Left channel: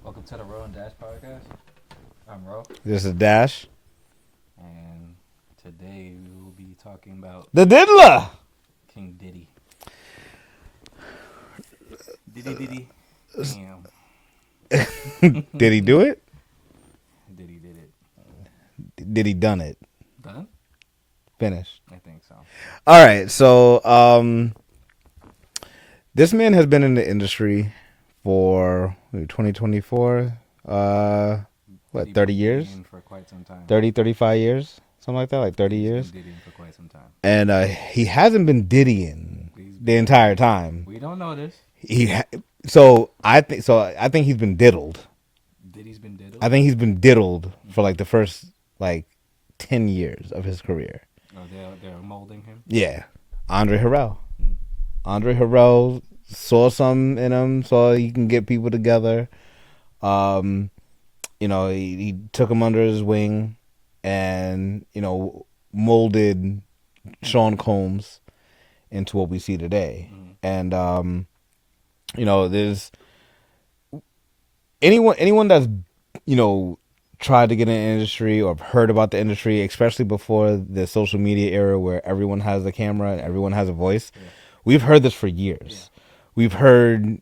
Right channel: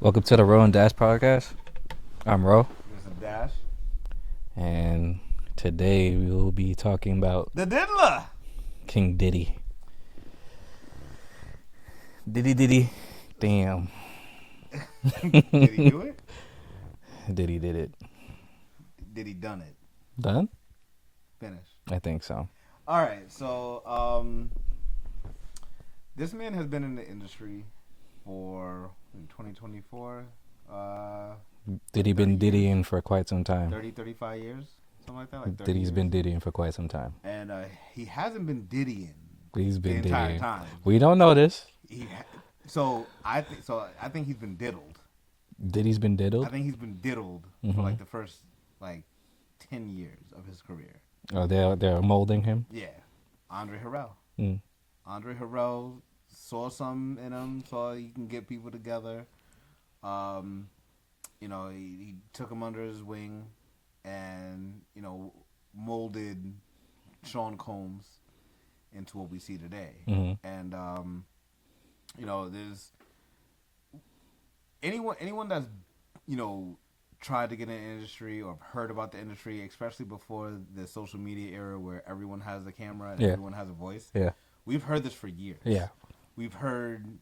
Welcome to the Ro&Dash podcast. I'm Ro, This is Dash. and today we will be talking about The Diddler. King Diddy. Diddy. Damn. Did he do it? Diddy did it. Did he done it? Done? Finished. I think so. All right. So, this man has been in the industry for 2024. Diddy 30 been years? Diddying for quite some time. 30, 35 years? Something like that? Like 30 Diddy's years? been Diddying for quite some time. And he hasn't been Diddying He's been the entire Diddying. time. We don't know this. I think he's been diddled. Diddy's been diddled? I think he's been diddled for like the first 10 years of his career. Oh, they're molding him? Yeah. Andre Harrell. Mm. Andre Harrell saw something in him, saw he can get people together. He took him under his wing and, molded Sean Combs into what we see today. Mm-hmm. And, there's anyone that's, tried to get in the industry or heard about the industry, especially before the social media era where everyone has a camera and everyone has a voice. Yeah. We've heard this for years. Yeah. We've heard,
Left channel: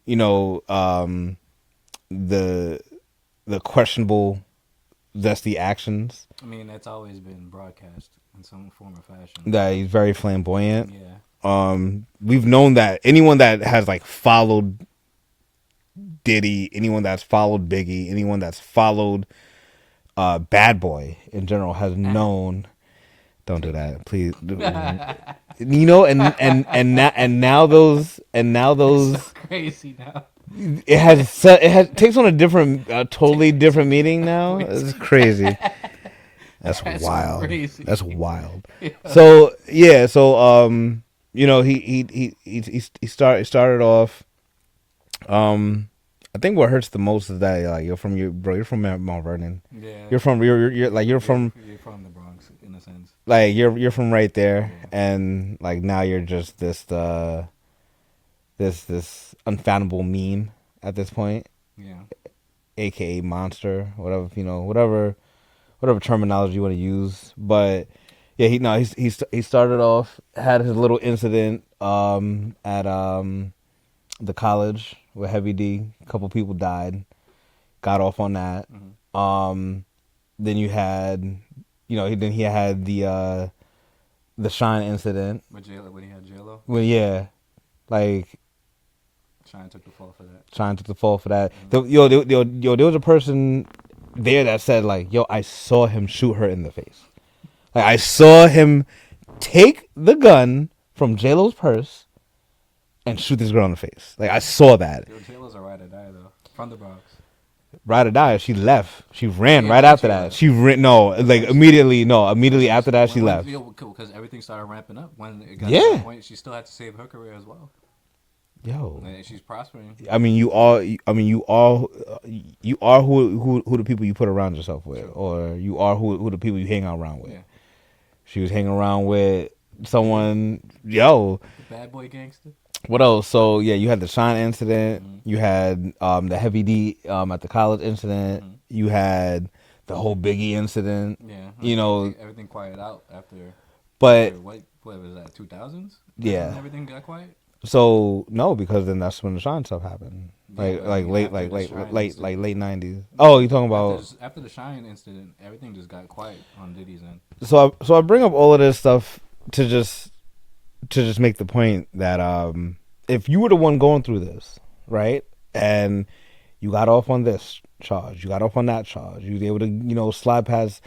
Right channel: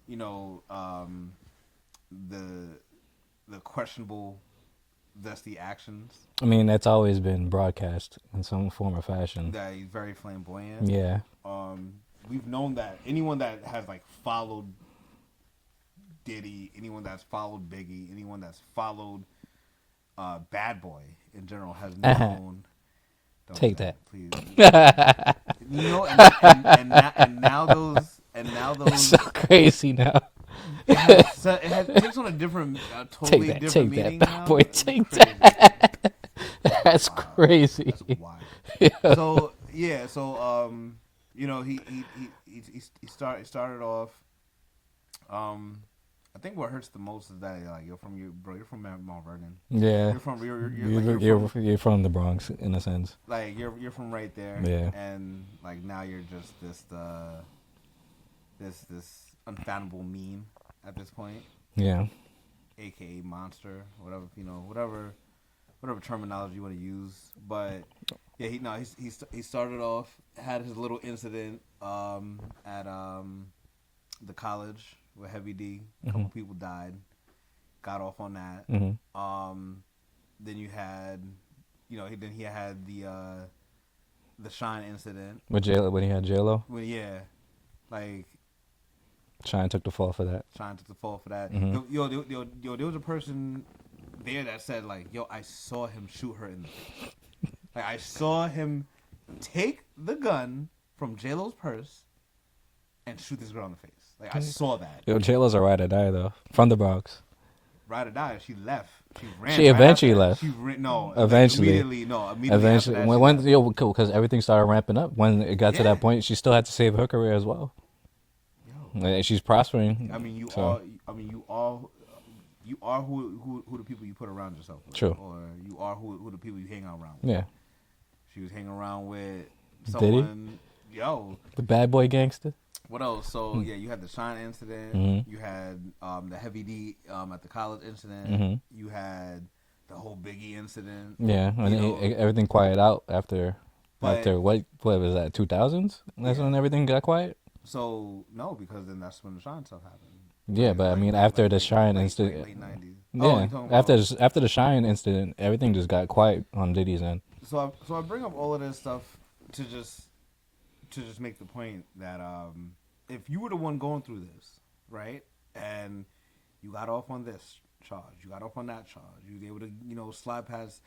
the questionable zesty actions. I mean, that's always been broadcast in some form or fashion. That he's very flamboyant. Yeah. We've known that anyone that has followed Diddy, anyone that's followed Biggie, anyone that's followed Bad Boy in general has known. Don't Take do that, that. please. and now those It's so crazy now. it takes on a different, totally different take meaning that, now. boy, It's take crazy. That's wild. Crazy. That's wild. Yeah. So he started off. I think what hurts the most is that you're from Mount Vernon. Yeah. You're from you're from the Bronx in a sense. you're from right there. Yeah. And now you're just this unfathomable meme at this point, Yeah. aka monster, whatever terminology you want to use. But yeah, he started off, had his little incident at the college with Heavy D. A couple people died. Got off on that. Mm-hmm. Then you had, then he had the Shine incident. When he had J-Lo, Well, yeah, Shine took the fall for that. Shine took the fall for that. Mhm. There was a person there that said I saw him shoot her in the face. I saw him take the gun from J-Lo's purse and shoot this girl in the face. I saw that. J-Lo's a ride or die though, from the Bronx. Ride or die. She left. She ran She right after eventually that. left. She ran. No, Eventually. immediately. No, immediately after that, she left. Because everything started ramping up. When it got to that point, she still had to save her career as well. Yo, And she's prospering. I mean, you are who the people you put around yourself with, True. or you are who the people you hang out around with. Yeah. She was hanging around with someone. Yo, The bad boy gangster. what else? So yeah, you had the Shine incident. Mhm. You had the Heavy D at the college incident. Mhm. You had the whole Biggie incident. Yeah. I You mean, know, everything quieted out after. but After what was that? 2000s. Yeah. When everything got quiet. so no, because then that's when the Shine stuff happened. Yeah, but I mean, after the Shine late incident- late 90s. Oh, Yeah. you talking about after the Shine incident? Everything just got quiet on Diddy's end. So I bring up all of this stuff to just make the point that if you were the one going through this, right, and you got off on this charge, you got off on that charge, you was able to slide past,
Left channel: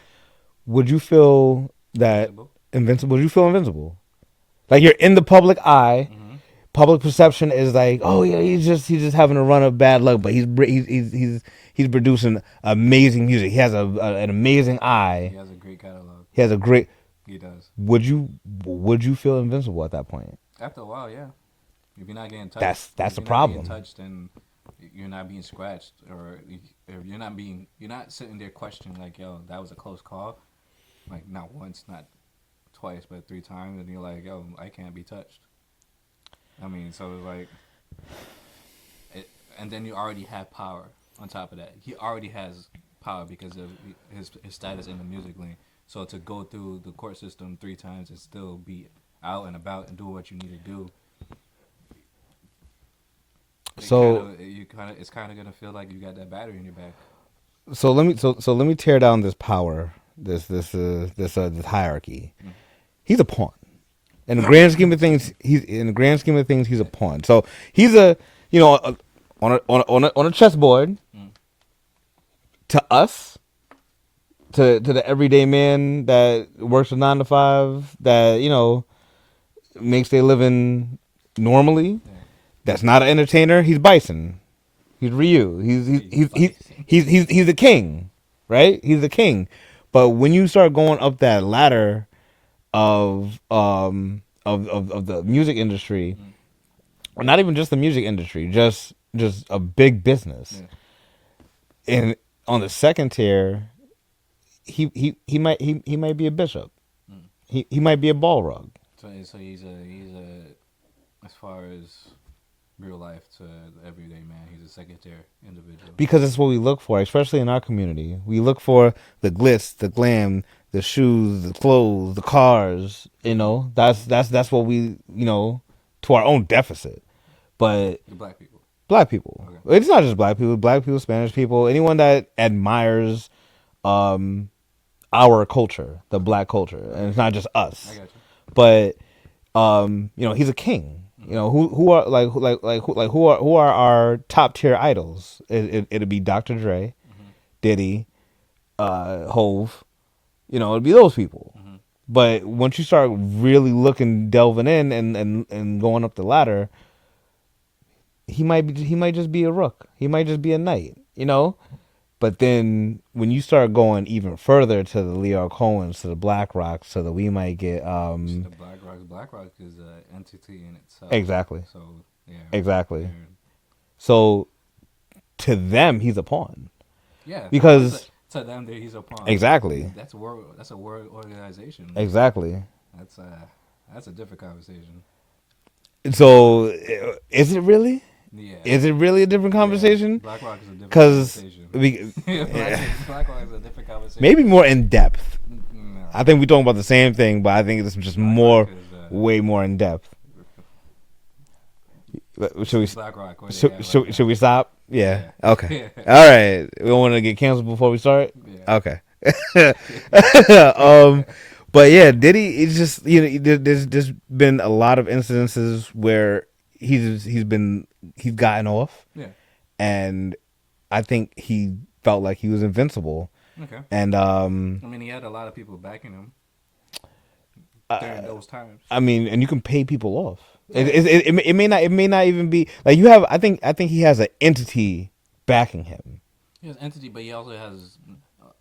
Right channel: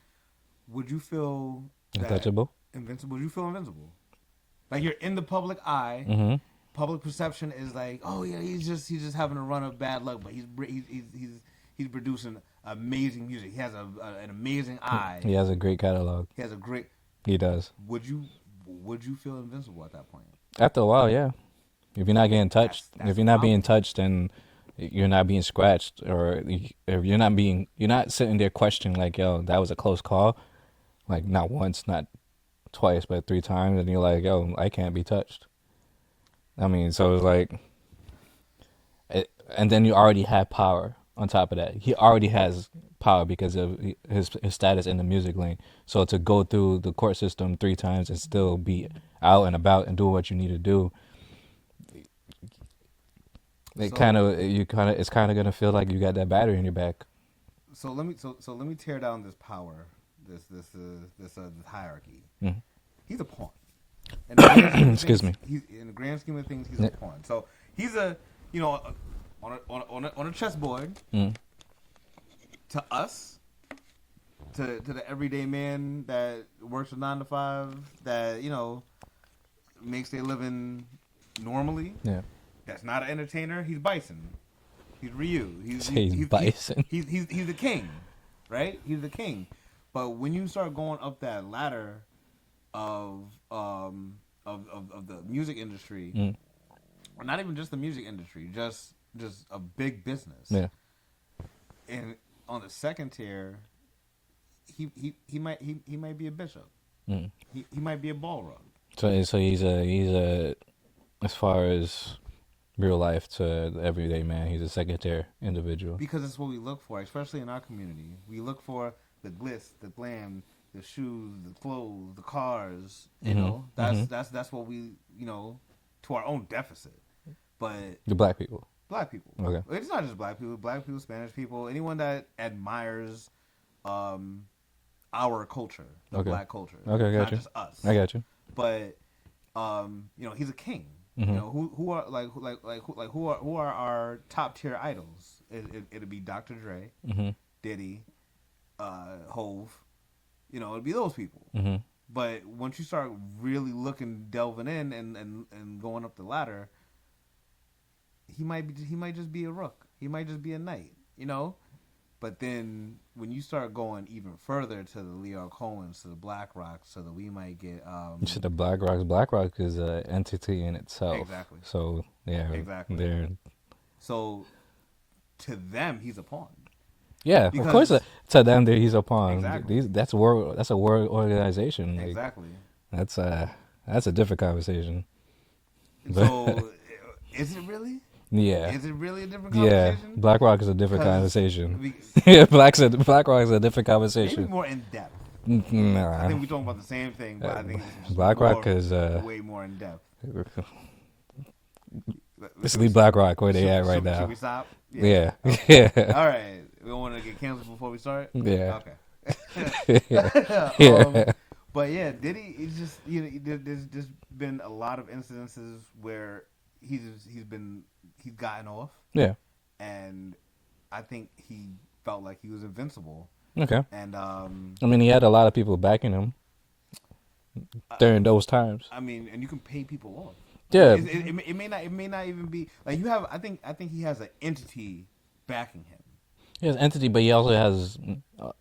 would you feel that Invincible? Would you feel invincible? You're in the public eye. Mm-hmm. Public perception is oh yeah, he's just having a run of bad luck, but he's producing amazing music. He has an amazing eye. He has a great catalog. He has a great. He does. Would you feel invincible at that point? After a while, yeah. If you're not getting touched, That's if the you're not being problem. touched and you're not being scratched, or you're not sitting there questioning like, yo, that was a close call, like not once, not twice, but 3 times, and you're like, yo, I can't be touched. I mean, so it's like, and then you already have power on top of that. He already has power because of his status in the music lane. So to go through the court system 3 times and still be out and about and doing what you need to do, So it's kind of gonna feel like you got that battery in your back. let me tear down this power, this hierarchy. Mm. He's a pawn. In the grand scheme of Excuse things, me. he's a Yeah. pawn. So he's a, you know, on a chessboard Mm. to us, to the everyday man that works a 9 to 5, that makes their living normally. Yeah. That's not an entertainer. He's Bison. He's Ryu. He's bison. He's the king, right? He's the king. But when you start going up that ladder of the music industry, Mm. or not even just the music industry, just a big business. Yeah. And on the second tier, he might be a bishop. Mm. He might be a ball rug. So he's a as far as real life to the everyday man, he's a second tier individual. Because it's what we look for, especially in our community. We look for the glitz, the glam, the shoes, the clothes, the cars. That's what we, to our own deficit. But The black people. black people, Okay. it's not just black people, Spanish people, anyone that admires our culture, the Okay. black culture. Okay, It's I not got you. just us. I got you. But he's a king. Mhm. Who are who are our top tier idols? It'd be Dr. Dre, Mm-hmm. Diddy, Hove. It'd be those people. Mm-hmm. But once you start really delving in and going up the ladder, he might just be a rook. He might just be a knight. But then when you start going even further to the Leo Cohens, to the Black Rocks, to the we might get You see the Black Rocks. Black Rock is an entity in itself. exactly. So yeah. Exactly. they're- So to them, he's a pawn. Yeah. Because- of course, to them, he's a pawn. Exactly. That's a world. That's a world organization. Exactly. That's a different conversation. So is it really? Yeah. Is it really a different Yeah. conversation? Black Rock is a different 'Cause conversation. we- Yeah, Black Rock is a different conversation. maybe more in depth. No, I think we're talking about the same thing, but I think it's just Black more, Rock is way more in depth. should we Black Rock where they at right now? Should we stop? Yeah. Yeah. Okay. All right. We don't want to get canceled before we start. Yeah. Okay. But yeah, Diddy is just there's been a lot of incidences where he's gotten off, Yeah. and I think he felt like he was invincible. Okay. And I mean, he had a lot of people backing him during those times. I mean, and you can pay people off. Yeah. It may not even be like you have. I think he has an entity backing him, He has entity, but he also has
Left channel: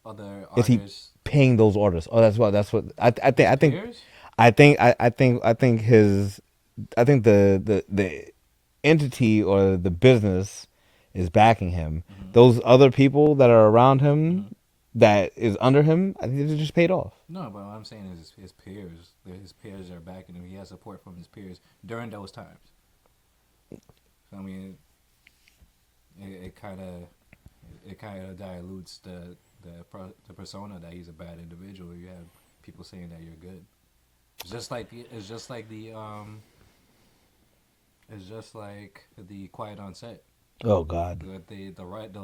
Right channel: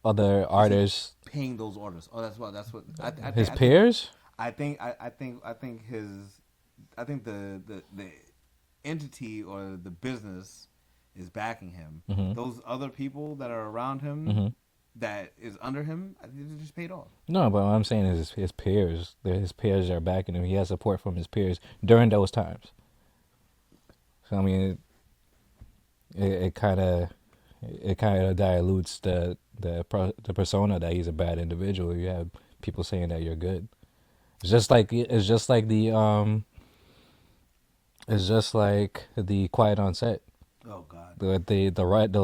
other Is he artists. paying those orders. Oh, that's what I think. His I think peers? I think the entity or the business is backing him. Mhm. Those other people that are around him, Mhm. that is under him, I think they're just paid off. No, but what I'm saying is his peers. His peers are backing him. He has support from his peers during those times. So I mean, it kind of dilutes the persona that he's a bad individual. You have people saying that you're good. It's just like the Quiet on Set. Oh God. The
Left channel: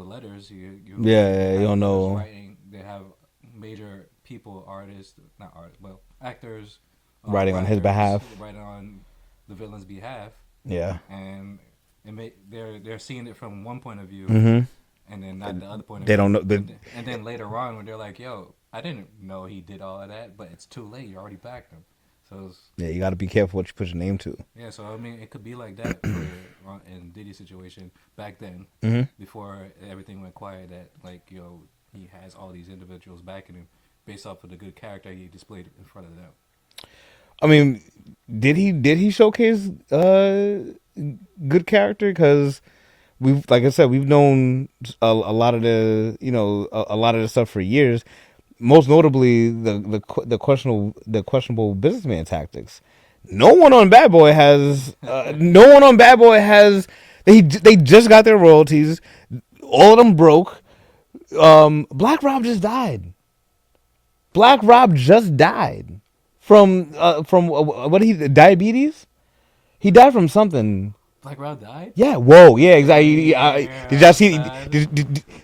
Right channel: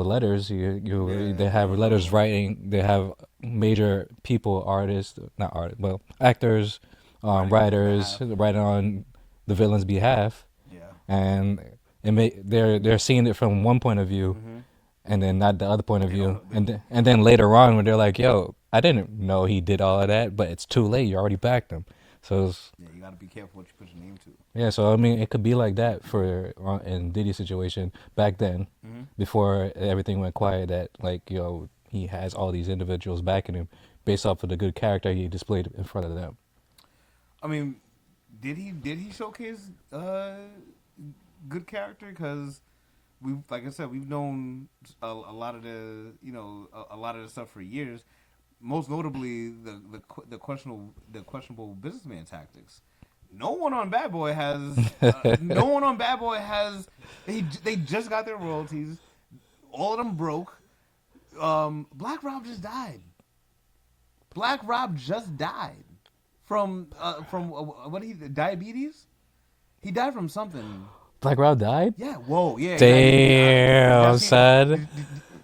letters Yeah, they have you letters know. writing. They have major people, artists, not artists, well, actors, Writing on his writers, behalf. writing on the villain's behalf, Yeah. and they're seeing it from one point of view, Mm-hmm. and then not the other point of They view. don't know- and then later on, when they're like, "Yo, I didn't know he did all of that," but it's too late. You already backed him. So Yeah, you got to be careful what you put your name to. yeah, so I mean, it could be like that for in Diddy's situation back then, Mm-hmm. before everything went quiet. That like he has all these individuals backing him based off of the good character he displayed in front of them. I mean, did he showcase good character? Because we've like I said, we've known a lot of the a lot of the stuff for years. Most notably, the questionable businessman tactics. No one on Bad Boy has. No one on Bad Boy has. They just got their royalties. All of them broke. Black Rob just died. Black Rob just died from what he diabetes. He died from something. Black Rob died? Yeah. Whoa. Yeah. Exactly. Damn, Did y'all see? son.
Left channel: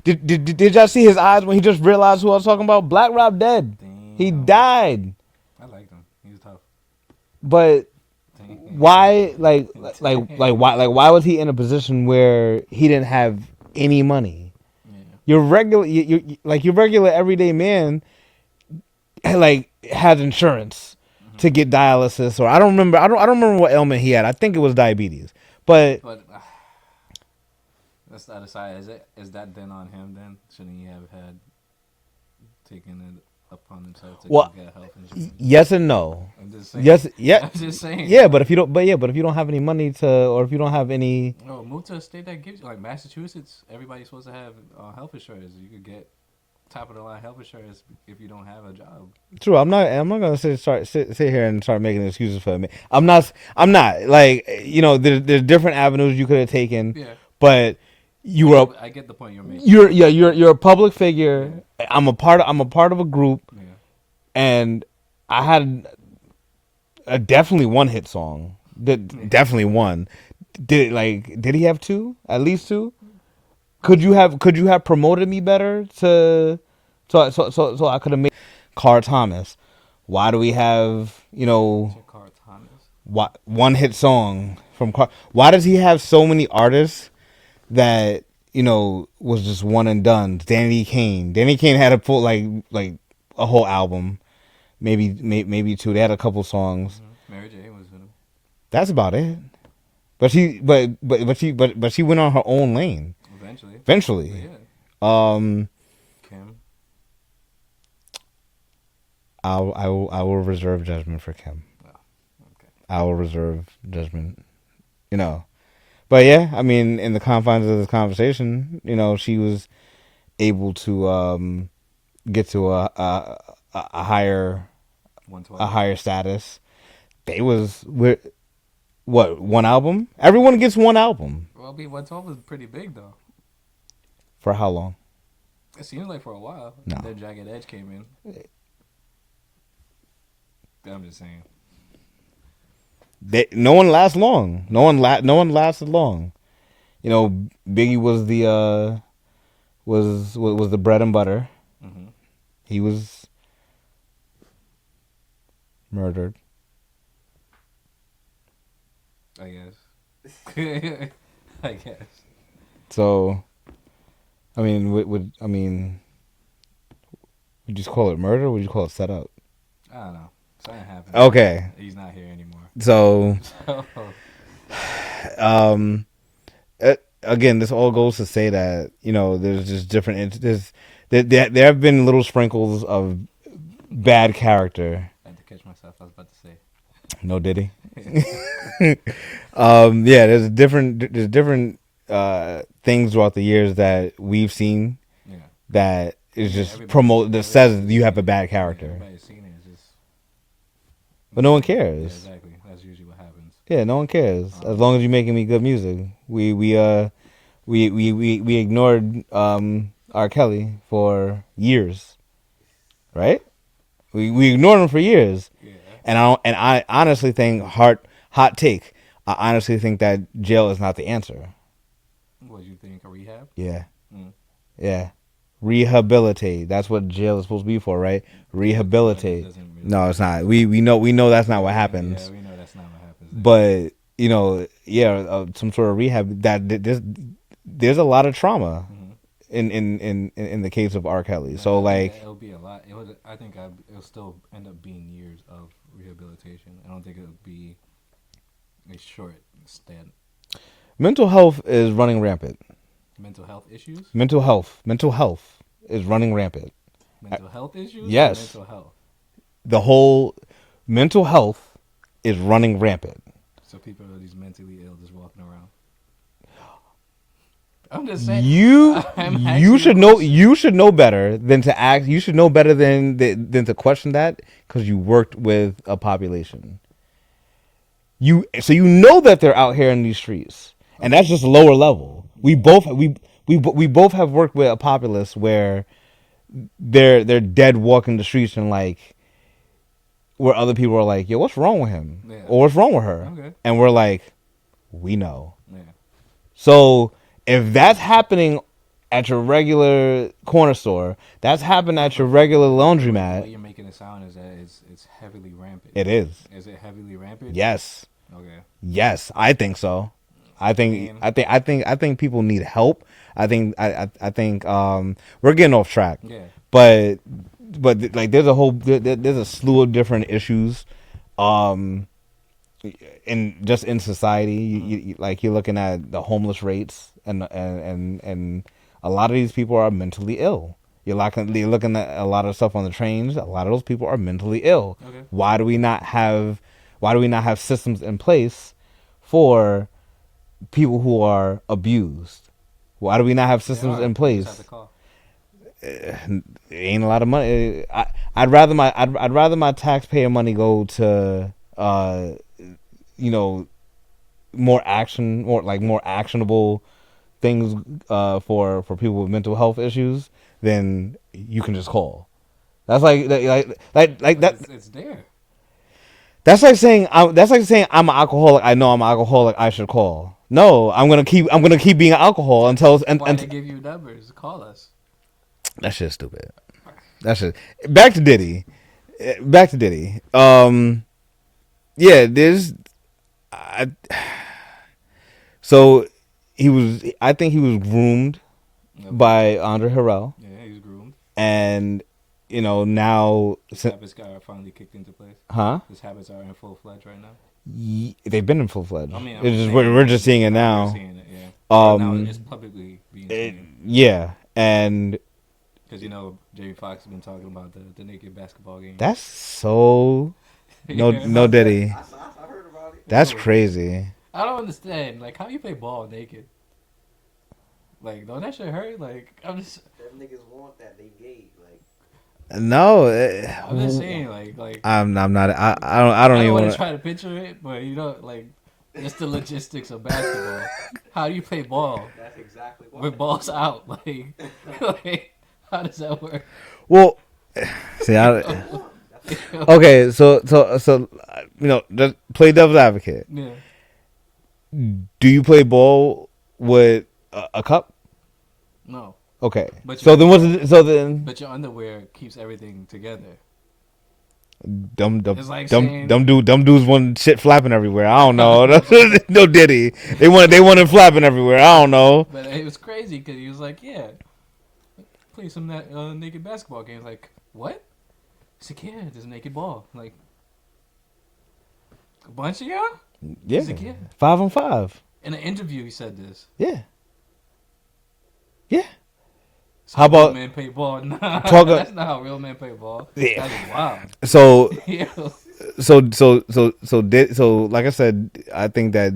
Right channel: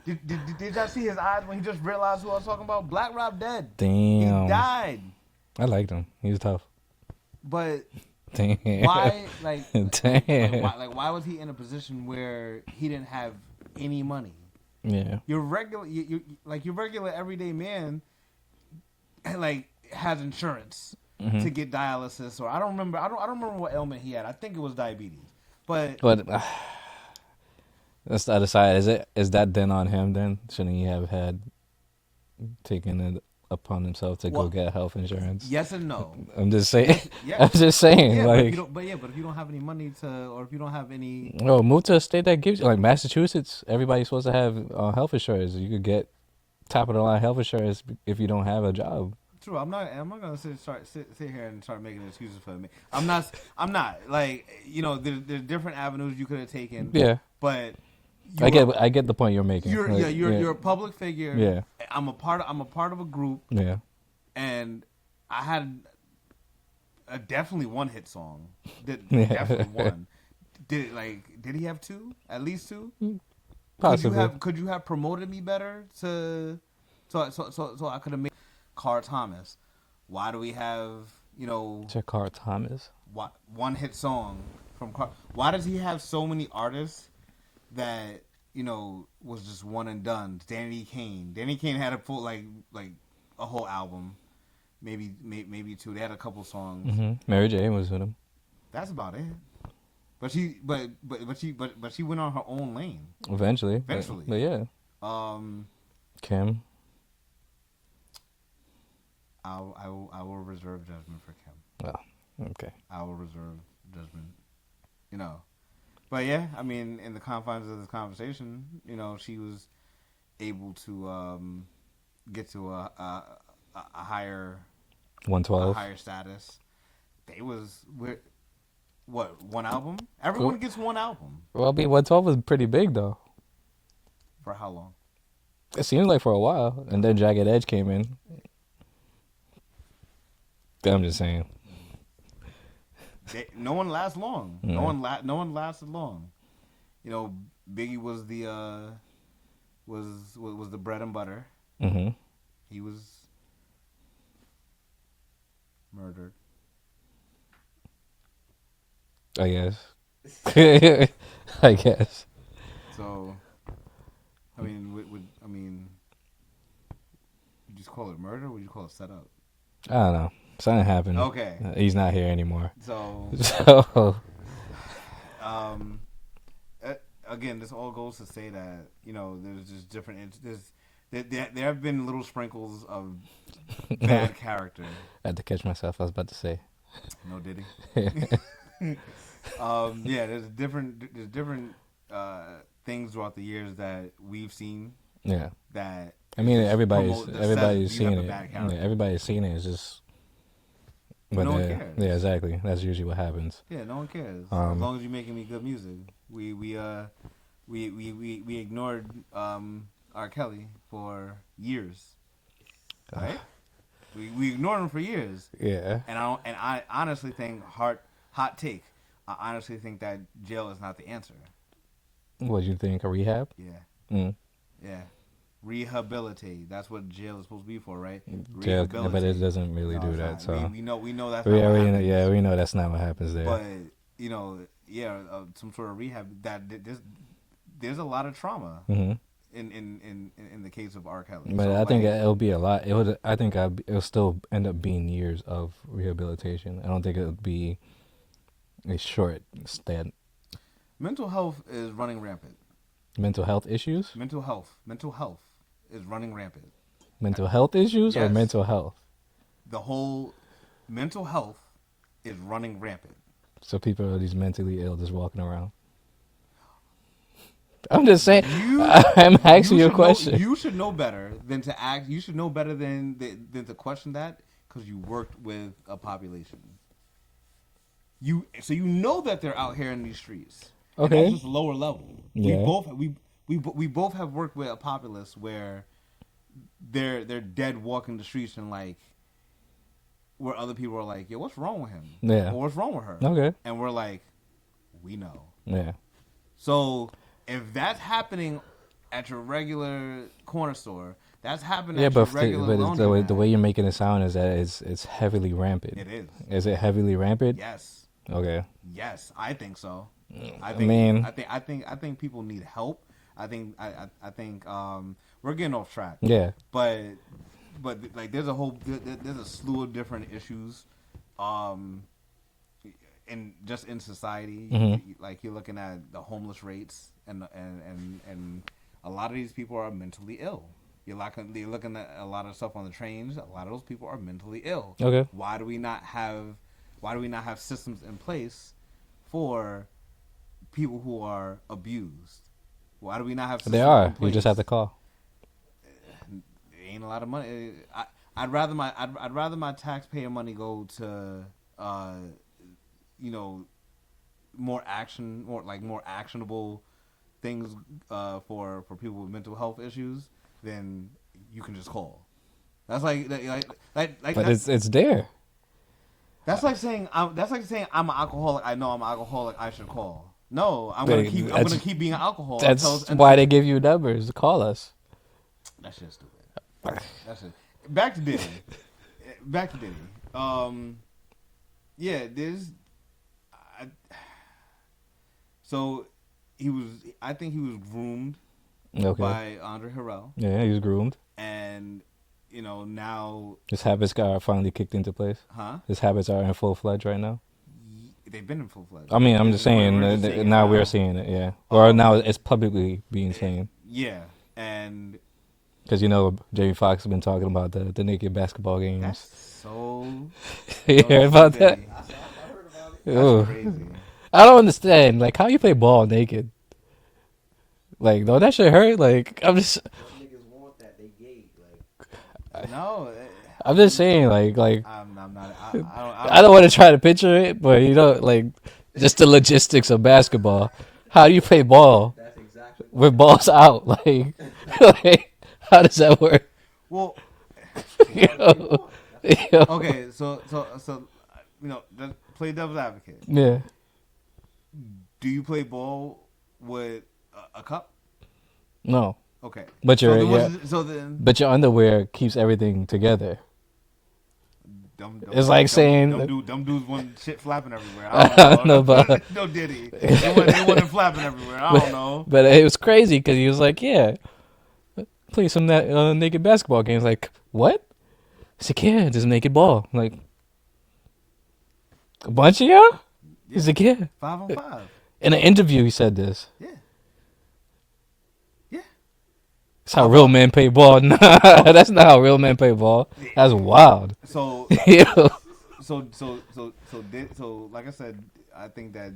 Did y'all see his eyes when he just realized who I was talking about? Black Rob dead. Damn. He died. I liked him. He was tough. But Damn. why? Damn. Why was he in a position where he didn't have any money? Yeah. Your regular, your regular everyday man, has insurance to get dialysis, or I don't remember. I don't remember what ailment he had. I think it was diabetes. But that's the other side. Is that then on him? Then shouldn't he have had taken it upon himself to go get health insurance? Yes and no. I'm just saying. Yes, yeah. I'm just saying. Yeah, but if you don't, but if you don't have any money or if you don't have any, move to a state that gives you, like Massachusetts. Everybody's supposed to have health insurance. You could get top of the line health insurance if you don't have a job. True. I'm not gonna sit here and start making excuses for me. I'm not like there's different avenues you could have taken. Yeah. But I get the point you're making. You're a public figure. Yeah. I'm a part of a group. Yeah. And I had definitely one hit song. Definitely one. Did he have two? At least two? Possibly. Could you have promoted me better so I could have made Carl Thomas? Why do we have Carl Thomas? one hit song from Carl? Why does he have so many artists that was just one and done? Danny Kane had a full like a whole album, maybe two. They had a couple songs. Mm-hmm. Mary J was with him. That's about it. But she went on her own lane. Eventually. But yeah. Kim. I will reserve judgment for Kim. Oh, okay. I will reserve judgment. But yeah, I mean, in the confines of this conversation, she was able to get to a higher 112. a higher status. One album? Everyone gets one album. Well, 112 was pretty big though. For how long? It seemed like for a while, and then Jagged Edge came in. I'm just saying. No one lasts long. No one lasted long. Biggie was the was the bread and butter. Mm-hmm. He was murdered. I guess. I guess. So, I mean, would you just call it murder? Or would you call it set up? I don't know. Something happened. Okay. He's not here anymore. So, again, this all goes to say that there's just different. There have been little sprinkles of bad character. I had to catch myself. I was about to say. No Diddy. There's different things throughout the years that we've seen. Yeah. That is just promote that says you have a bad character. Yeah, everybody's seen it. It's just. But no one cares. Yeah, exactly. That's usually what happens. Yeah, no one cares. As long as you're making me good music. We ignored R. Kelly for years. Right? We ignored him for years. Yeah. And I honestly think hot take. I honestly think that jail is not the answer. What you think? A rehab? Yeah. Mm. Yeah. Rehabilitate. That's what jail is supposed to be for, right? Rehabilitate. It doesn't really no, it's not. So. We know that's not what happens. Yeah, we know that's not what happens there. But some sort of rehab. That there's a lot of trauma in the case of R. Kelly. But so I like think it'll be a lot. It'll still end up being years of rehabilitation. I don't think it'll be a short stint. Mental health is running rampant. Mental health issues? Mental health is running rampant. Mental health issues? Yes. Or mental health? The whole mental health is running rampant. So people are these mentally ill just walking around. I'm just saying. You I'm asking you you a should know question. you should know better than to act. You should know better than to question that because you worked with a population. So you know that they're out here in these streets, and that's Okay. just lower level. Yeah. We both have worked with a populace where they're dead walking the streets and like where other people are like, yo, what's wrong with him? Yeah. Or what's wrong with her? Okay. And we're like, we know. Yeah. So if that's happening at your regular corner store, that's happening at your regular laundromat. The way you're making it sound is that it's heavily rampant. It is. Is it heavily rampant? Yes. Okay. Yes, I think so. I think people need help. I think we're getting off track. Yeah. But like there's a slew of different issues in society. Mm-hmm. Like you're looking at the homeless rates and a lot of these people are mentally ill. You're looking at a lot of stuff on the trains. A lot of those people are mentally ill. Okay. Why do we not have systems in place for people who are abused? Why do we not have systems in place? You just have to call. It ain't a lot of money. I'd rather my taxpayer money go to more actionable things for people with mental health issues than you can just call. That's like that's it's there. That's like saying I'm an alcoholic. I know I'm an alcoholic. I should call. No, I'm gonna keep being an alcoholic until why they give you numbers. Call us. That shit's stupid. That shit. Back to Diddy. Yeah, so I think he was groomed by Andre Harrell. Yeah, he was groomed. And now his habits are finally kicked into place. Huh? His habits are in full fledged right now. They've been in full fledged. I mean, I'm just saying we're just seeing it now. We're seeing it, yeah. Or now it's publicly being seen. Yeah, and because Jamie Foxx has been talking about the naked basketball game. That's so no Diddy. That's crazy. I don't understand. Like, how you play ball naked? Like, don't that shit hurt? Like, I'm just. Niggas want that. They gay. No, I'm just saying. Like. I'm not. I don't want to try to picture it, but like, just the logistics of basketball. How do you play ball? That's exactly with balls out? Like, how does that work? Well, see, okay, so just play devil's advocate. Yeah. Do you play ball with a cup? No. Okay. But but your underwear keeps everything together. It's like saying dumb dudes want shit flapping everywhere. I don't know. No Diddy. They want it flapping everywhere. I don't know. But it was crazy because he was like, yeah, play some naked basketball games. Like, what? He's like, yeah, just naked ball. Like, a bunch of y'all? Yeah. He's like, yeah. 5-on-5. In an interview, he said this. Yeah. Yeah. That's how real men play ball. Nah, that's not how real men play ball. Yeah. That's wild. So, so like I said, I think that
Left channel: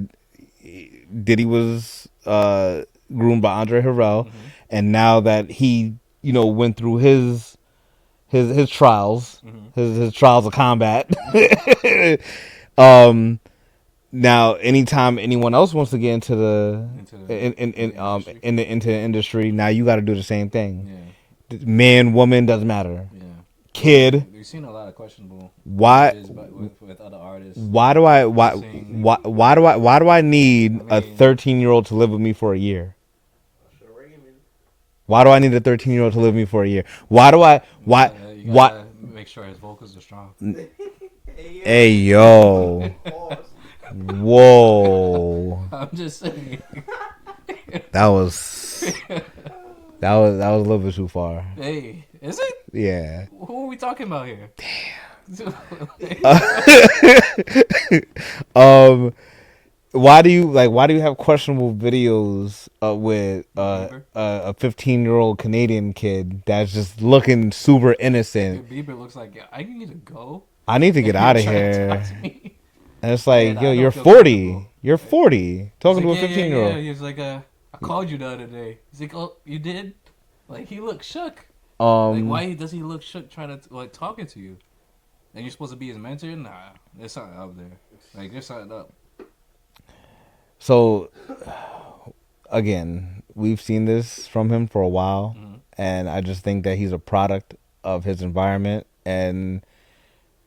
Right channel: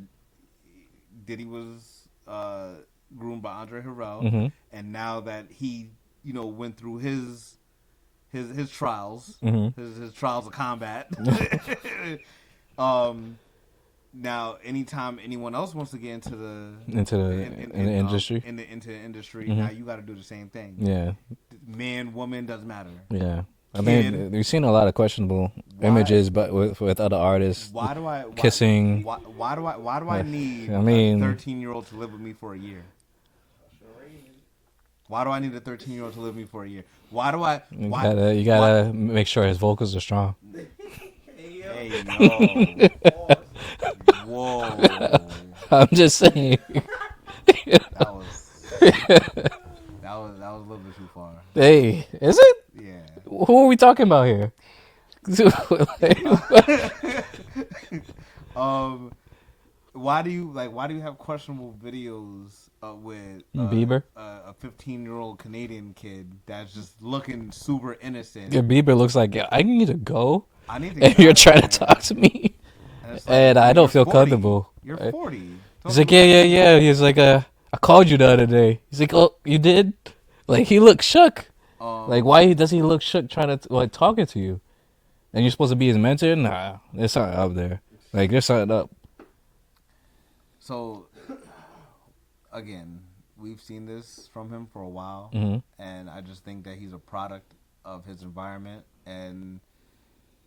Diddy was groomed by Andre Harrell, and now that he, went through his trials, his trials of combat. Now, anytime anyone else wants to get into the industry, now you got to do the same thing. Yeah, man, woman, doesn't matter. Yeah, kid. I mean, we've seen a lot of questionable images, but with other artists. Why do I need a 13-year-old to live with me for a year? Why do I need a 13-year-old to live with me for a year? You gotta make sure his vocals are strong. Hey yo. Whoa. I'm just saying. That was a little bit too far. Hey, is it? Yeah. Who are we talking about here? Why do you have questionable videos with Bieber? A 15-year-old Canadian kid that's just looking super innocent? Yeah, Bieber looks like, I need to go. I need to get out of here. You're trying to talk to me. And it's like, I don't you're feel 40. comfortable. You're 40. He's like, yeah. He's like, I called you the other day. He's like, oh, you did? Like, he looked shook. Like, why does he look shook trying to, like, talking to you? And you're supposed to be his mentor? Nah, there's something up there. Like, there's something up. So, again, we've seen this from him for a while, Mm-hmm. and I just think that he's a product of his environment and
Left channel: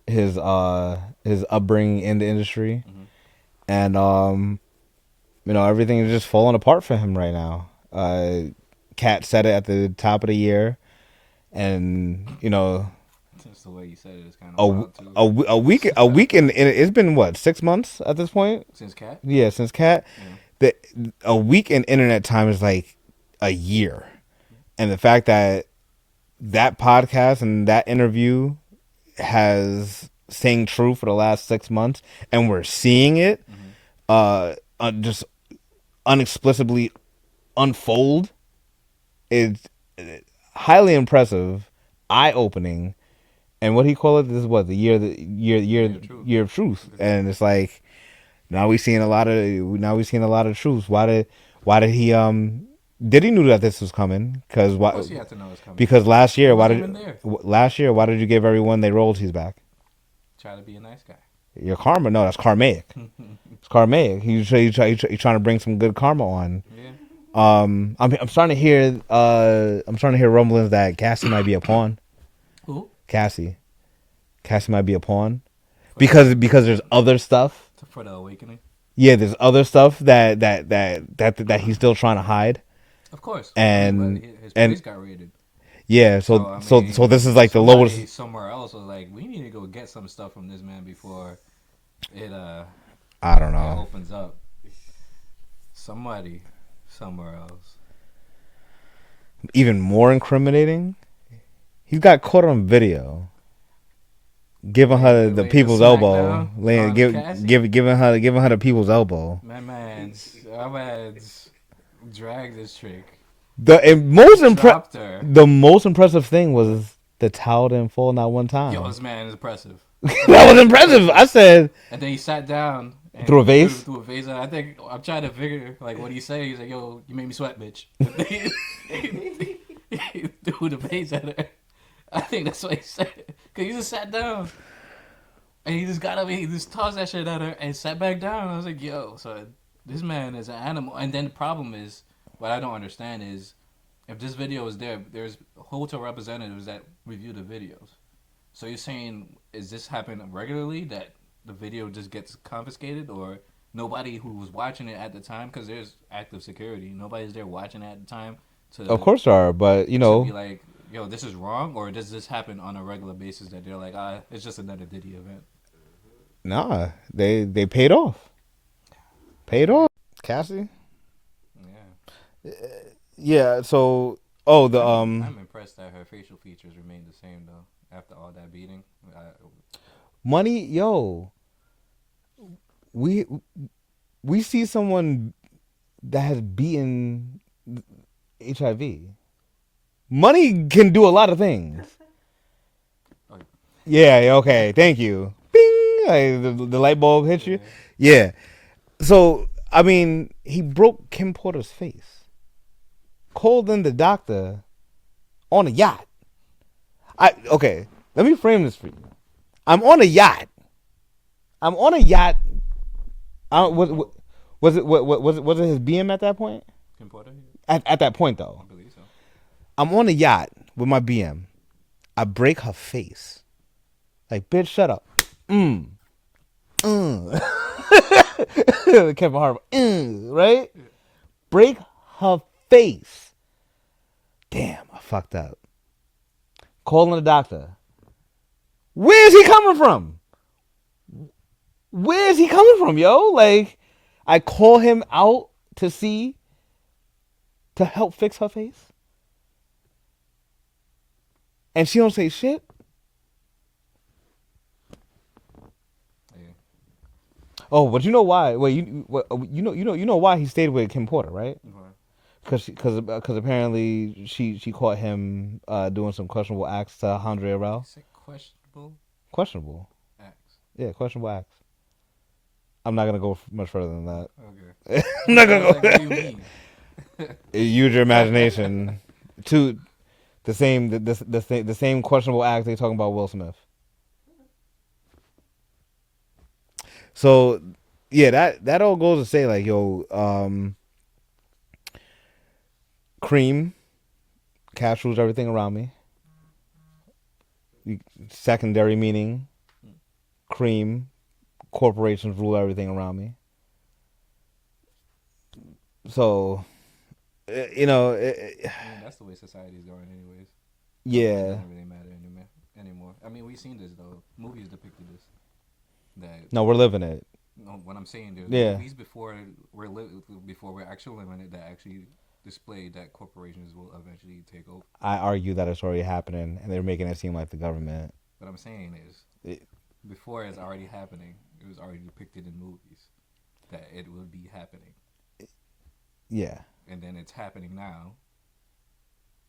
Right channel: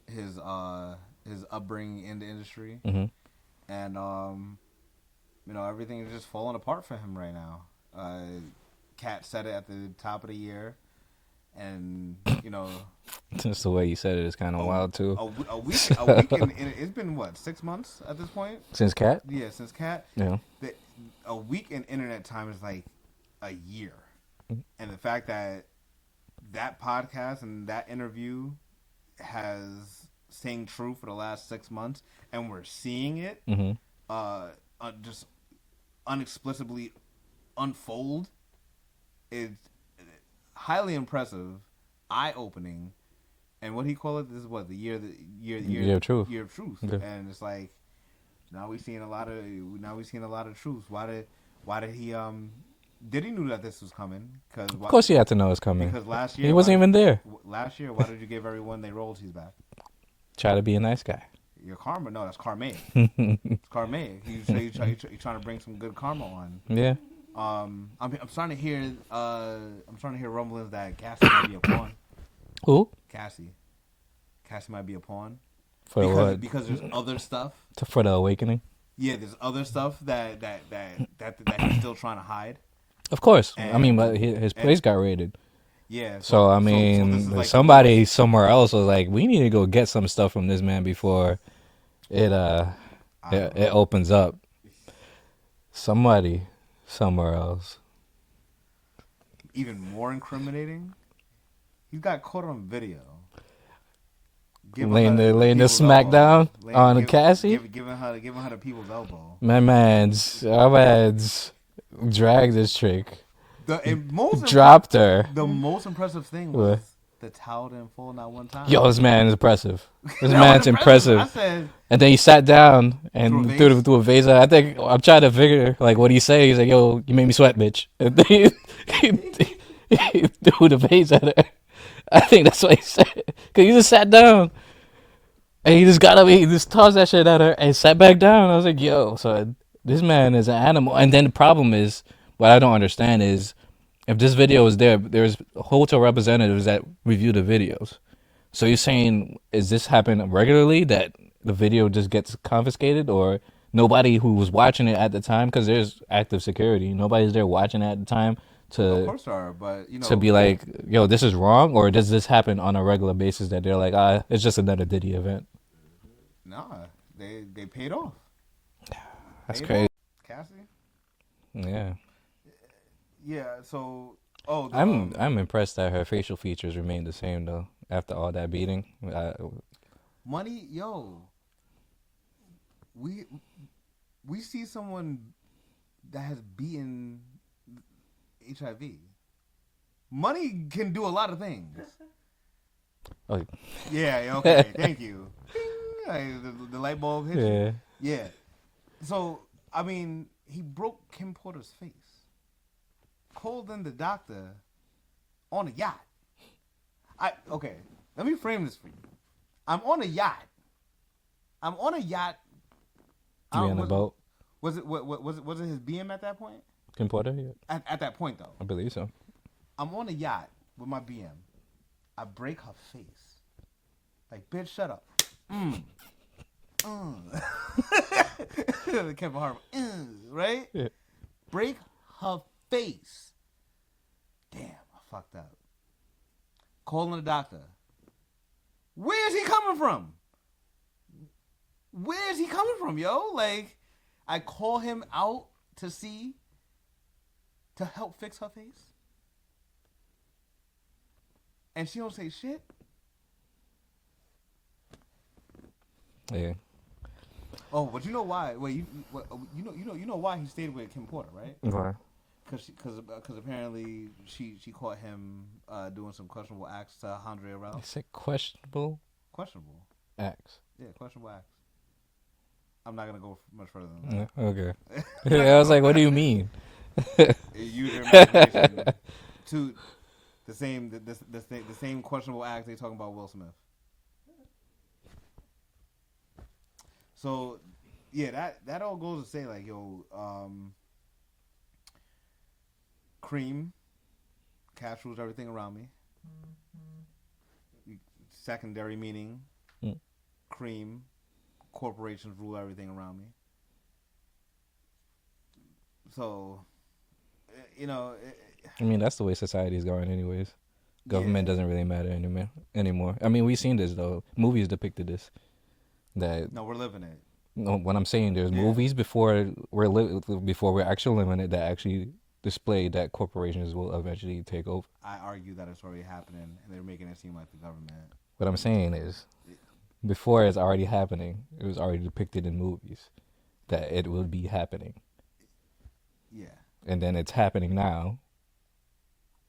his upbringing in the industry, Mm-hmm. and everything is just falling apart for him right now. Kat said it at the top of the year, and Just the way you said it is kind of wild, too. a week and it's been what, 6 months at this point? Since Cat? Yeah, since Kat. Yeah. A week in internet time is like a year, and the fact that podcast and that interview has staying true for the last 6 months, and we're seeing it just unexplicably unfold, is highly impressive, eye-opening. And what he call it? This is what, the year of truth. Year of truth. Okay. And it's like now we're seeing a lot of truths. Why did he did he knew that this was coming? Because of course he had to know it's coming. Because last year he wasn't even there. Last year, why did you give everyone their royalties back? Try to be a nice guy. Your karma? No, that's karmaic. It's karmaic. He's trying to bring some good karma on. Yeah. I'm starting to hear rumblings that Cassie might be a pawn. Who? Cassie might be a pawn because there's other stuff for the awakening. Yeah, there's other stuff that he's still trying to hide. Of course, and but his place got raided. Yeah, so this is like somebody the lowest... somewhere else was like, we need to go get some stuff from this man before it it opens up. Somebody somewhere else. Even more incriminating, he got caught on video giving her the people's elbow, giving her the people's elbow. My man's dragged this chick. Dropped her. The most impressive thing was the towel didn't fall not one time. Yo, this man is impressive. That was impressive. I said. And then he sat down and threw a vase. Threw a vase. I think I'm trying to figure like what he said. He's like, "Yo, you made me sweat, bitch." And then he threw the vase at her. I think that's what he said. Cause he just sat down and he just got up. He just tossed that shit at her and sat back down. I was like, "Yo, so this man is an animal." And then the problem is, what I don't understand is, if this video is there, there's hotel representatives that review the videos. So you're saying, is this happening regularly that the video just gets confiscated, or nobody who was watching it at the time, because there's active security, nobody's there watching it at the time to... Of course there are, but to be like, yo, this is wrong, or does this happen on a regular basis that they're like, it's just another Diddy event? Nah, they paid off. Paid off. Cassie? Yeah. Yeah, so I'm impressed that her facial features remain the same though after all that beating. Money, yo. We see someone that has beaten HIV. Money can do a lot of things. Oh. Yeah, okay, thank you. Bing! Like, the light bulb hit you. Yeah. So, I mean, he broke Kim Porter's face. Called in the doctor on a yacht. Okay, let me frame this for you. I'm on a yacht. Was it his BM at that point? Kim Porter? Yeah. At that point though. I believe so. I'm on a yacht with my BM. I break her face. Like, bitch, shut up. Kevin Hart. Right? Yeah. Break her face. Damn, I fucked up. Calling the doctor. Where's he coming from? Where's he coming from, yo? Like, I call him out to help fix her face. And she don't say shit. Yeah. Oh, but you know why? Well, you know why he stayed with Kim Porter, right? Why? Because apparently she caught him doing some questionable acts to Andre Arell. Is it questionable? Questionable acts. Yeah, questionable acts. I'm not gonna go much further than that. Okay. I was like, what do you mean? Use your imagination to the same questionable act they talking about Will Smith. So yeah, that all goes to say like, yo, cream, cash rules everything around me. Secondary meaning, Mm. cream, corporations rule everything around me. So, I mean, that's the way society is going, anyways. Government yeah. doesn't really matter anymore. I mean, we've seen this though. Movies depicted this. That No, we're living it. no, what I'm saying, there's Yeah. movies before we're actually living it that actually display that corporations will eventually take over. I argue that it's already happening, and they're making it seem like the government. What I'm saying is, It- before it's already happening, it was already depicted in movies that it will be happening, Yeah. and then it's happening now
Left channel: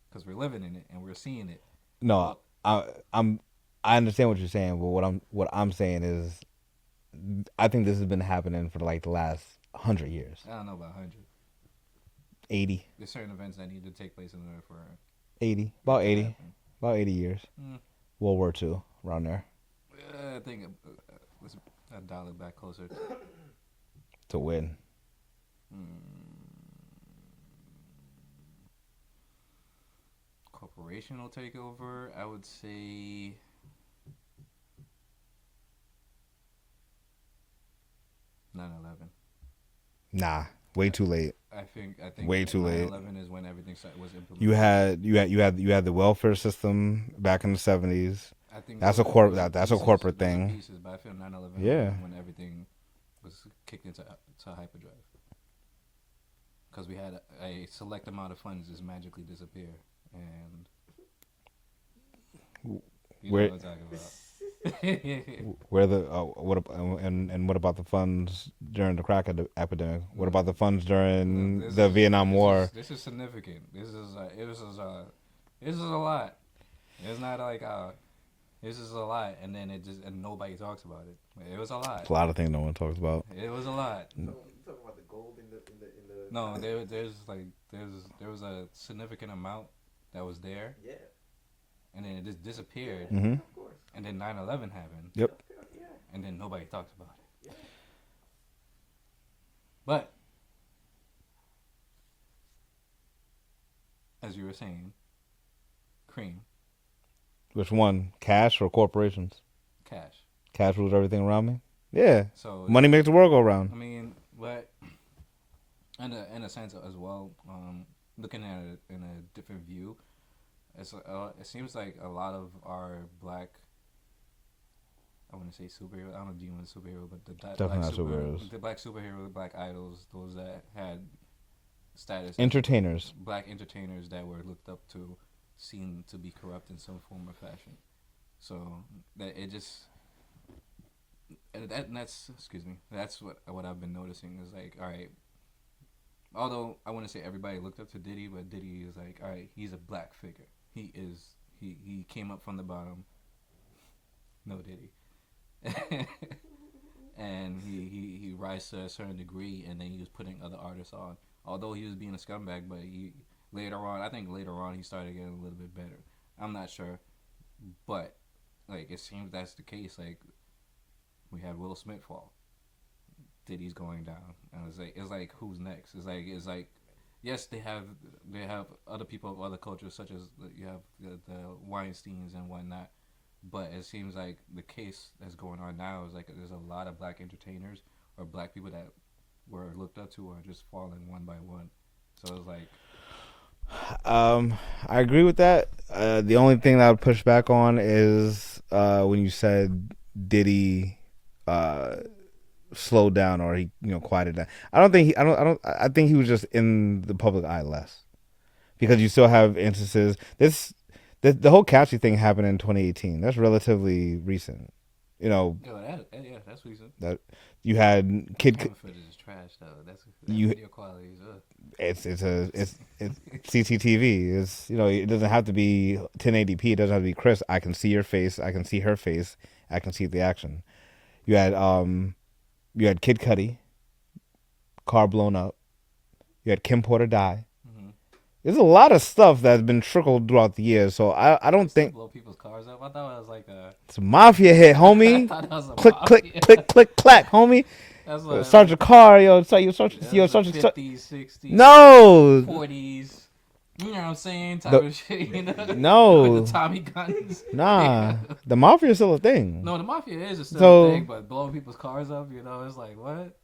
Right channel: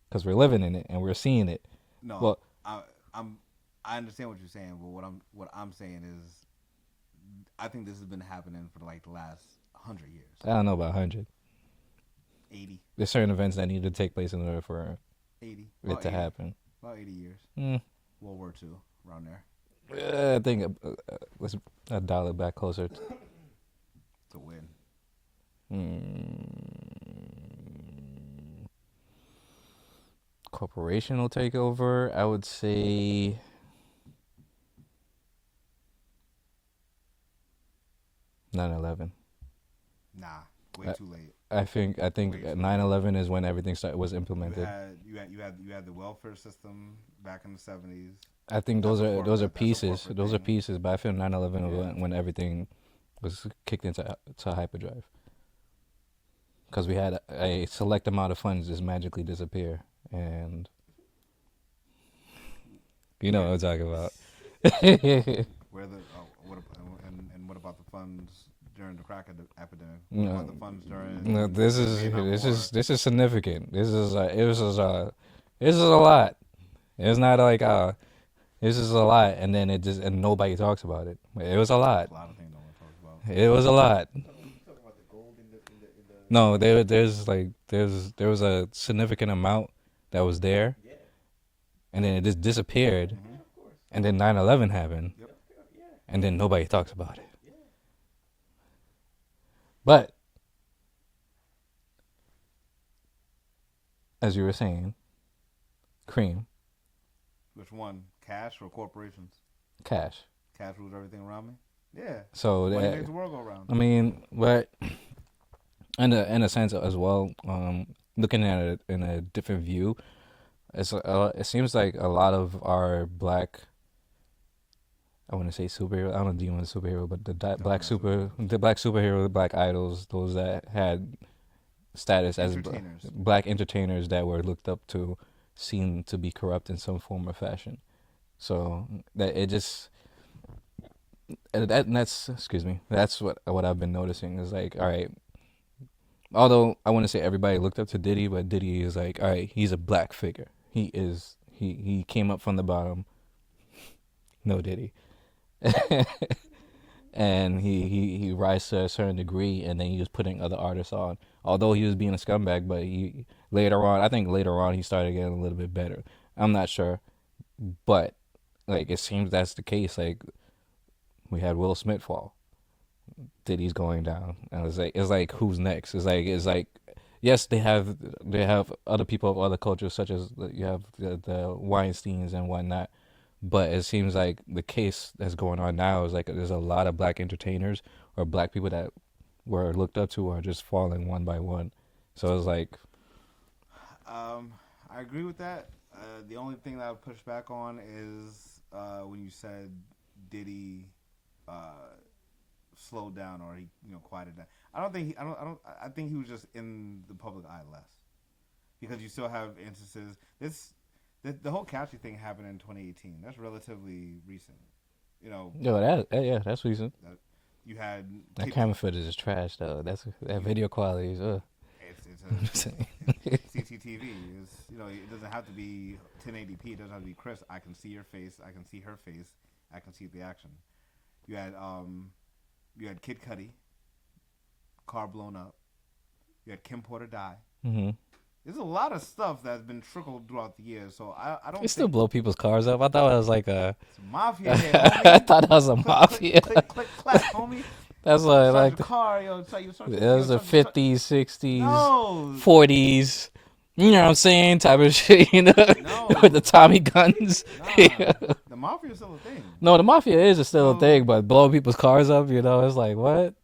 because we're living in it and we're seeing it. No, Well, I understand what you're saying, but what I'm saying is, I think this has been happening for like the last 100 years, I don't know about 100. 80, There's certain events that need to take place in order for 80, it about to 80, happen. about 80 years. Mm. World War II, around there. I think let's dial it back closer. To win. Corporational takeover, I would say 9/11. Nah, way too late. I think Way too late. 9/11 is when everything was implemented. You had the welfare system back in the 70s. I think That's those a are, corp- those are that- that's a pieces. corporate Those thing. are pieces, but I feel 9/11 Yeah. when everything was kicked into hyperdrive. Because we had a select amount of funds just magically disappear, and you know Where- what I'm talking about. Where the what about the funds during the crack epidemic? What No. about the funds during No, the Vietnam War? This is significant. This is a lot. It's not like this is a lot, and then it just and nobody talks about it. It was a lot. A lot of things no one talks about. It was a lot. You talking about the gold in the No, there was a significant amount that was there, yeah, and then it just disappeared, Mm-hmm. of course. and then 9/11 happened, Yep. Yeah. and then nobody talks about it. But as you were saying, cream, Which one? Cash or corporations? cash. Cash rules everything around me. Yeah. So Money that- makes the world go round. I mean, but in a sense as well, looking at it in a different view, it seems like a lot of our black, I want to say superhero. I don't deem them as superhero, but Definitely not superheroes. the black superhero, the black idols, those that had status as Entertainers. black entertainers that were looked up to, seem to be corrupt in some form or fashion. So that it just. And that's excuse me. That's what I've been noticing is like, all right. Although I want to say everybody looked up to Diddy, but Diddy is like, all right, he's a black figure. He came up from the bottom. No Diddy, and he rise to a certain degree, and then he was putting other artists on. Although he was being a scumbag, but I think later on he started getting a little bit better. I'm not sure, but like it seems that's the case. Like we had Will Smith fall. Diddy's going down. And it's like who's next? It's like yes, they have other people of other cultures such as you have the Weinsteins and whatnot. But it seems like the case that's going on now is like there's a lot of black entertainers or black people that were looked up to are just falling one by one. So it's like I agree with that. The only thing that I would push back on is when you said Diddy slowed down or he quieted down. I think he was just in the public eye less because you still have instances. The whole Cassie thing happened in 2018. That's relatively recent. yo, that's recent. That you had That camera footage is trash though. That You- video quality is it's CCTV. It's it doesn't have to be 1080p. It doesn't have to be crisp. I can see your face. I can see her face. I can see the action. You had Kid Cudi, car blown up. You had Kim Porter die. Mm-hmm. There's a lot of stuff that's been trickled throughout the years. So I They don't still think blow people's cars up. I thought it was like a. it's a mafia hit, I homie. thought that was a Click, mafia. click, click, click, clack, homie. That's Start like your car, yo. Start your it was the 50s, 60s, No, 40s. You know what I'm saying? Type of shit, you know? no, With the Tommy guns. nah. Yeah. The mafia is still a thing. No, the mafia is still So- a thing, but blowing people's cars up, you know, it's like, what?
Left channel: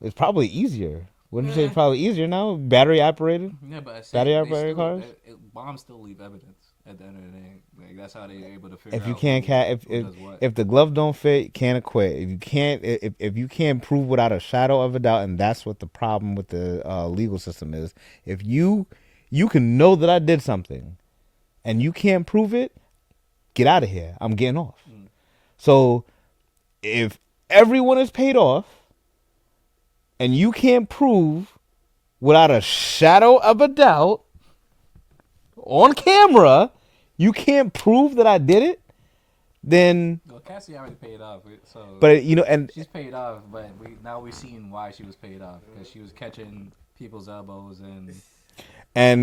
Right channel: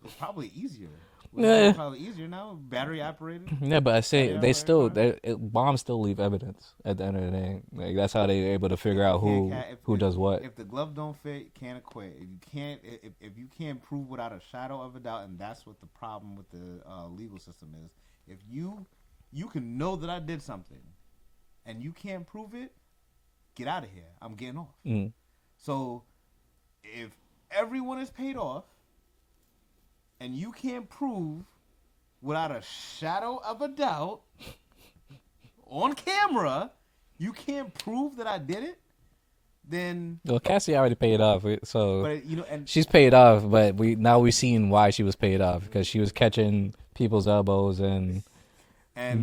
It's probably easier. Wouldn't you say Yeah. it's probably easier now? Battery operated. Yeah, but I say Battery they operated still, cars? bombs still leave evidence at the end of the day. Like, that's how they're able to figure If you out can't who does what. If the glove don't fit, you can't acquit. If you can't prove without a shadow of a doubt, and that's what the problem with the legal system is. If you can know that I did something, and you can't prove it, get out of here. I'm getting off. Mm. So if everyone is paid off, and you can't prove without a shadow of a doubt on camera, you can't prove that I did it, then Well, Cassie already paid off, so but you know, and she's paid off. But we've seen why she was paid off because she was catching people's elbows and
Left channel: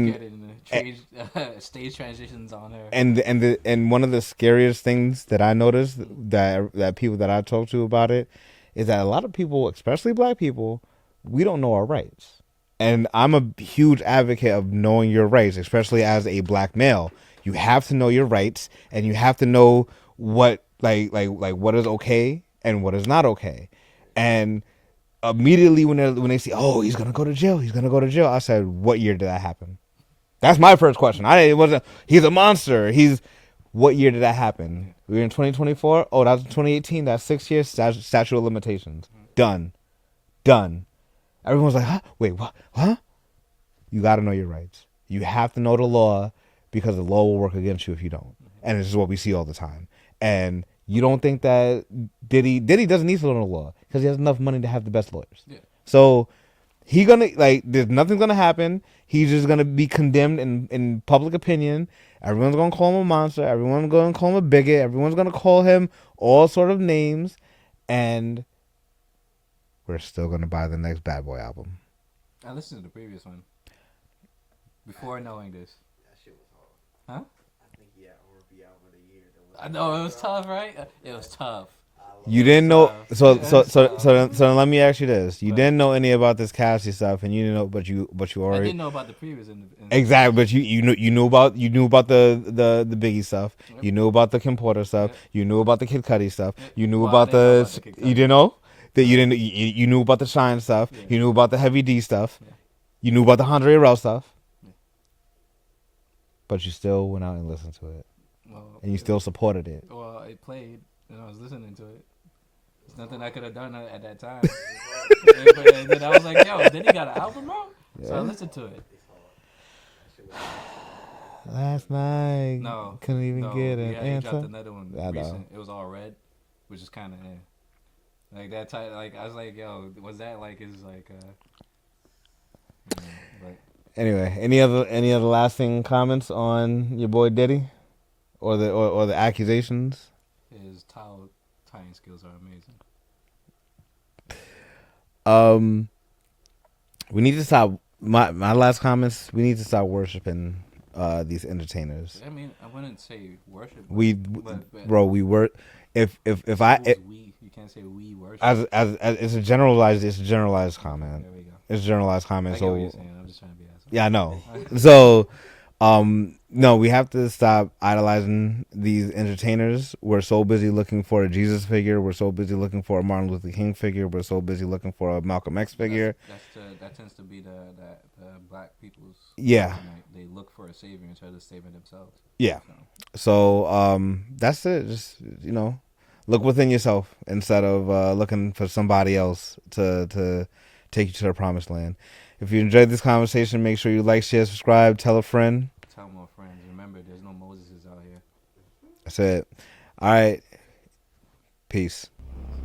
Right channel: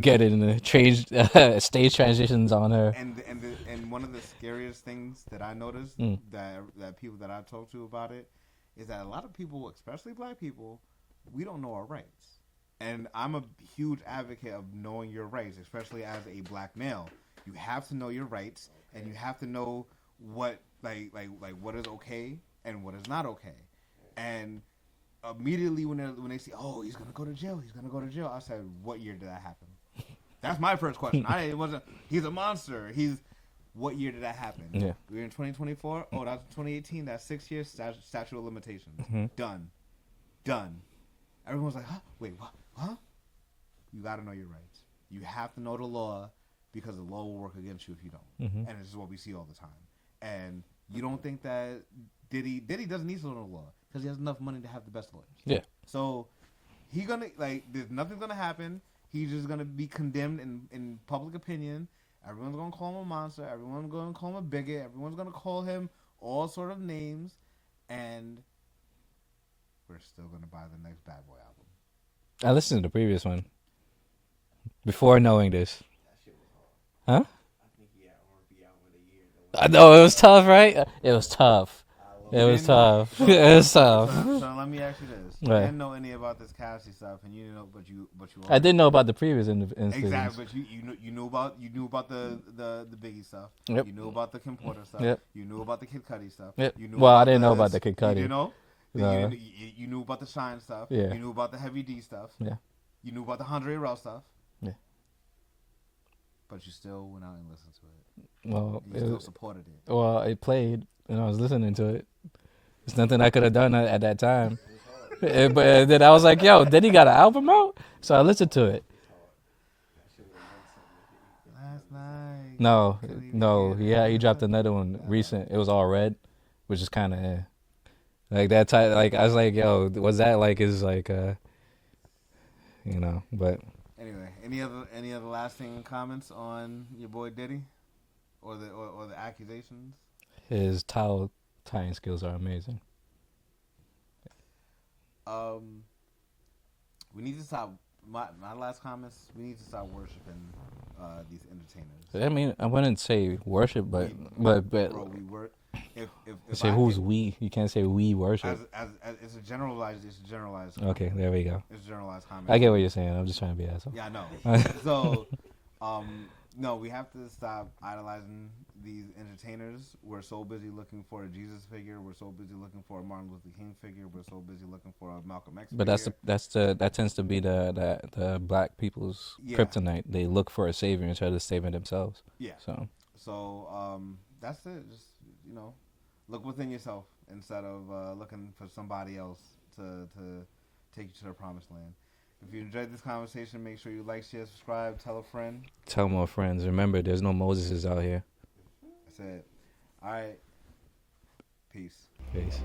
getting the stage transitions on her. and one of the scariest things that I noticed that people that I talk to about it is that a lot of people, especially black people, we don't know our rights. And I'm a huge advocate of knowing your rights, especially as a black male. You have to know your rights, and you have to know what like what is okay and what is not okay. And immediately when they say, "Oh, he's gonna go to jail," I said, "What year did that happen?" That's my first question. It wasn't. He's a monster. What year did that happen? Yeah. We were in 2024. Oh, that was 2018. That's 6 years. Statute of limitations. Done. Everyone's like, huh? Wait, what? Huh? You got to know your rights. You have to know the law because the law will work against you if you don't. And this is what we see all the time. And you don't think that Diddy doesn't need to know the law because he has enough money to have the best lawyers. Yeah. So there's nothing's gonna happen. He's just gonna be condemned in public opinion. Everyone's gonna call him a monster. Everyone's gonna call him a bigot. Everyone's gonna call him all sort of names, and we're still gonna buy the next Bad Boy album. I listened to the previous one before knowing this. That shit was hard. Huh? I think he had R&B album of the year. I know it was tough, right? It was tough. You It didn't was know. tough. So It was tough. so let me ask you this: you Right. didn't know any about this Cassie stuff, and you didn't know, but you already. I didn't know about the previous. Exactly, but you knew about the Biggie stuff. Yep. You knew about the Kim Porter stuff. Yep. You knew about the Kid Cudi stuff. Yep. You knew Well, I about didn't know about the Kid You Cudi. didn't know that No. you didn't. You knew about the Shine stuff. Yeah. You knew about the Heavy D stuff. Yeah. You knew about the Andre Rel stuff. Yeah. But you still went out and listened to it, Well, and you still supported it. Well, it played, and I was listening to it. There's nothing I could have done at that time. But then I was like, yo, then he got an album out? So I listened to it. Last night. No, Couldn't even no, get an yeah, he dropped answer. another one I know. recent. It was all red, which is kind of like that type. Like I was like, yo, was that like his like But Anyway, any other lasting comments on your boy Diddy, or the accusations? his towel tying skills are amazing. We need to stop. My last comments. We need to stop worshiping these entertainers. I mean, I wouldn't say worship, but Bro, we were. If so I who's we? You can't say we worship. as it's a generalized comment. Okay, there we go. It's a generalized comment. I get so- what you're saying. I'm just trying to be asshole. Yeah, I know. So, no, we have to stop idolizing these entertainers. We're so busy looking for a Jesus figure. We're so busy looking for a Martin Luther King figure. We're so busy looking for a Malcolm X But figure. that tends to be the black people's Yeah. kryptonite. They look for a savior instead of saving themselves. Yeah. So So, that's it. Just, look within yourself instead of looking for somebody else to take you to the promised land. If you enjoyed this conversation, make sure you like, share, subscribe, tell a friend. tell more friends. Remember, there's no Moseses out here. That's it. All right. Peace. Peace.